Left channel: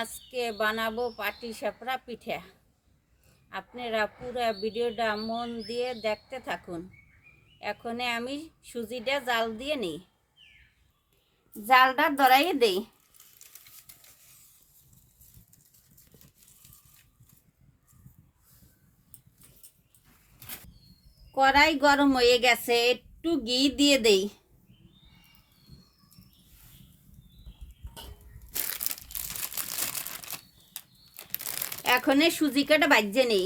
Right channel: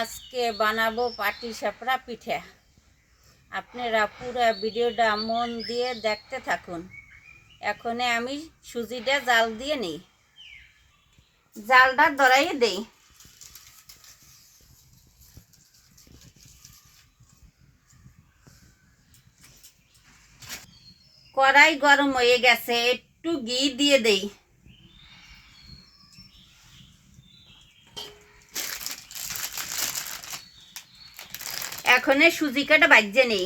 আজকে বানাবো পাটিসাপটা পিঠা। আপনারা পুরো ভিডিওটা মন দিয়ে দেখতে থাকুন। এখন আমি সুজিটা জাল দিয়ে নিই, জালটা ধরাইয়ে দেই। কড়াই গরম হয়ে গেছে, একটু ঘি দিয়ে দেই। এখন সুজি কাটা বাজছে নেই।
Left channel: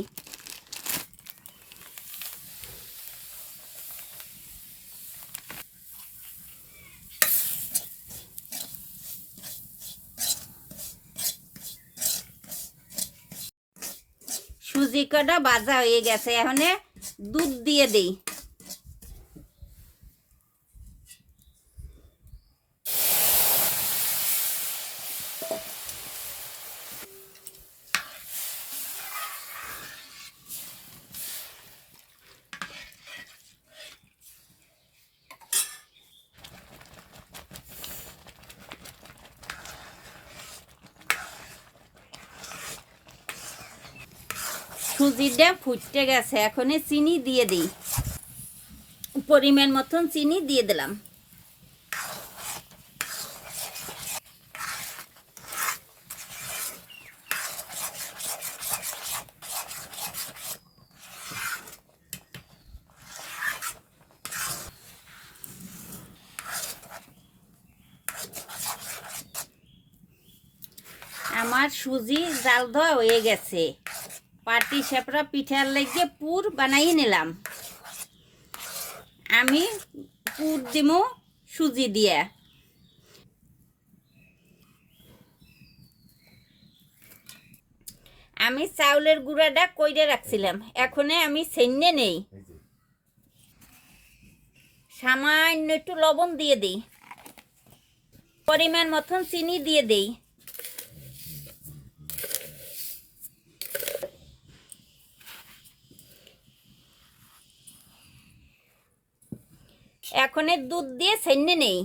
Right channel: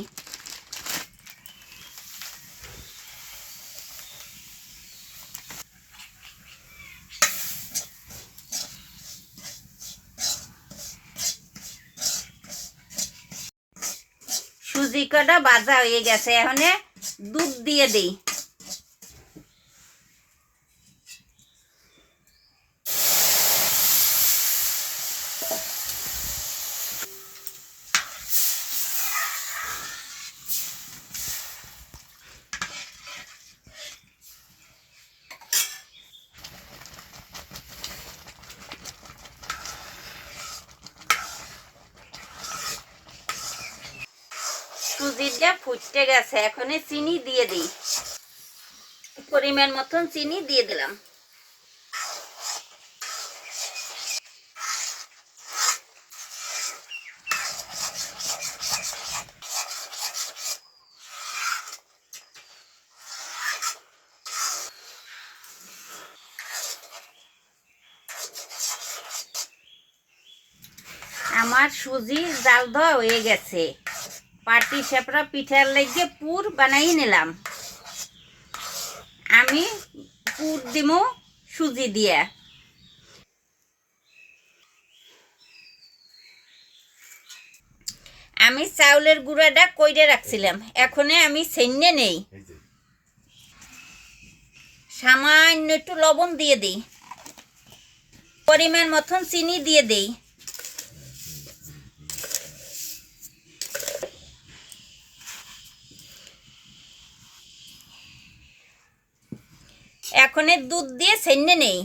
সুজি কাটা ভাজা হয়ে গেছে, এখন দুধ দিয়ে দেই। সুজিটা ফুটতে গেছে, এখন চিনি দিয়ে দিই। পরিমাণ মতন চিনি দিয়ে দিলাম। আমার সুজি জাল দেওয়া হয়ে গেছে। পাটিসাপটা পিঠার লেগে পুর বানাই নিলাম। আমি পুর দিব সুজি দিয়ে। আমি চাউলের গুঁড়াটা কইরে রাখছিলাম, এখন আমি ছেন্নে নেই। সামান্য একটু লবণ দিয়ে দিই, পরিমাণ মতন চিনি দিয়ে দিই। এখন দুধ দিয়ে ছেন্নে নেই।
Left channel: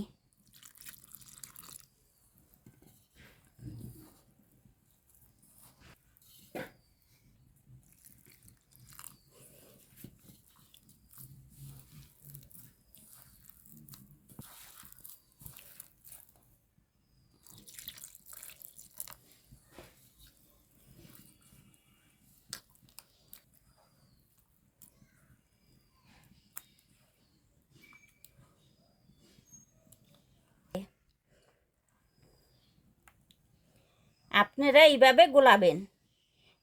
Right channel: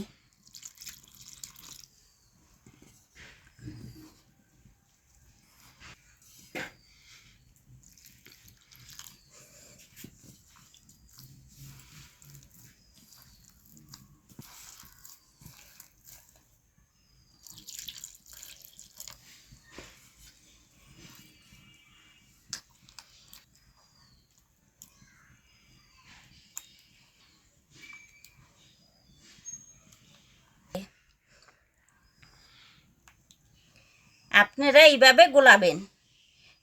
আপনারা এইভাবে গোলাবেন,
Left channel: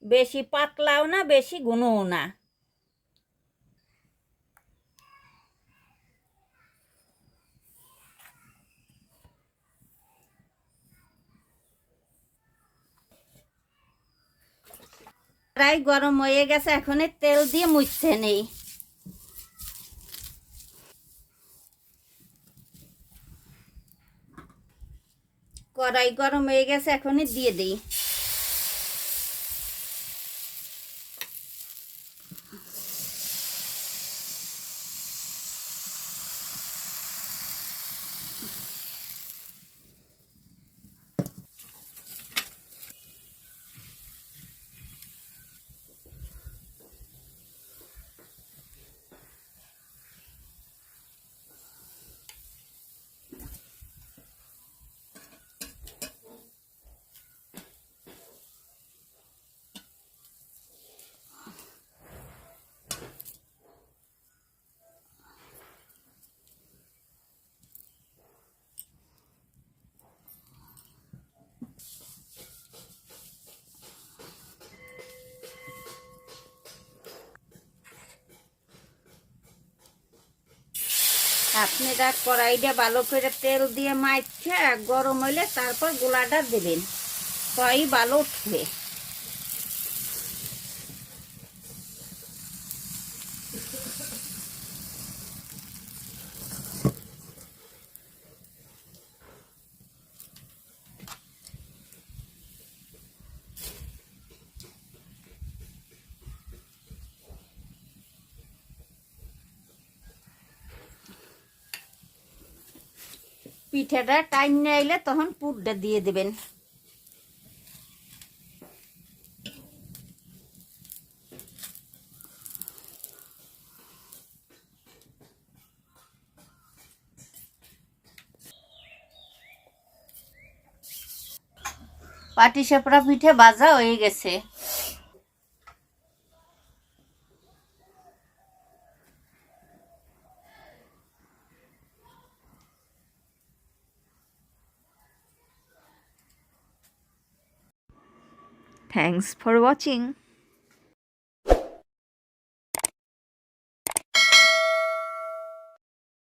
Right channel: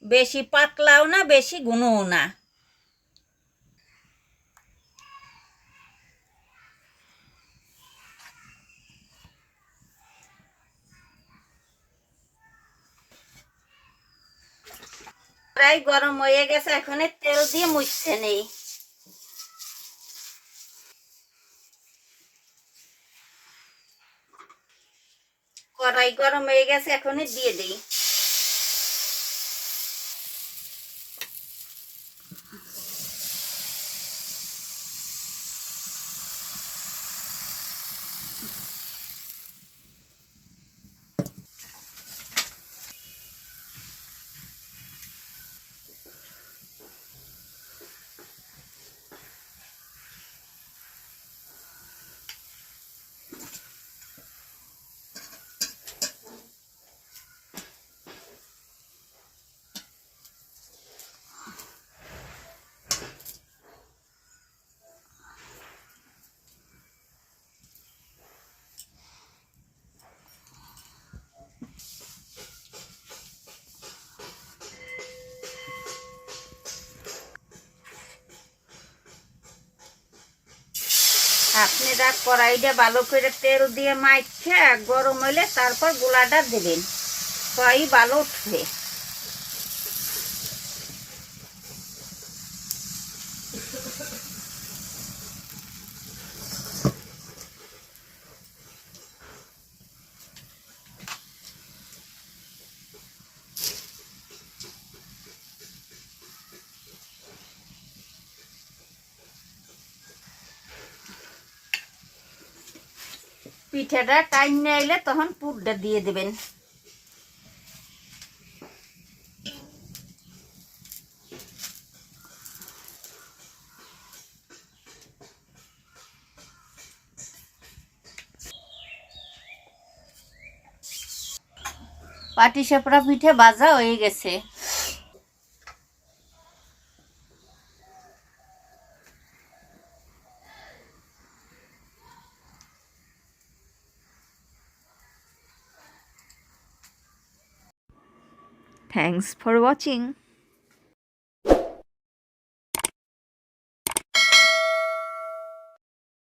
বেশি পাতলাও না বেশি ঘনও না। প্রায় গরম হয়ে গেছে, এখন তেল দিয়ে মুছতে নেই। কড়াই গরম হয়ে গেছে, এখন দিয়ে দিই। আপনারা কড়াইটা ভালো করে তেল দিয়ে মাইখে গরম হলে তারপর গোলাটা দেবেন, তাই ভালো উঠবে। পিঠাটা টাইম না এলে তখন পুরটা দিয়ে দেবেন। পাটিসাপটা পিঠে ভাজা হয়ে গেছে। Thanks for watching.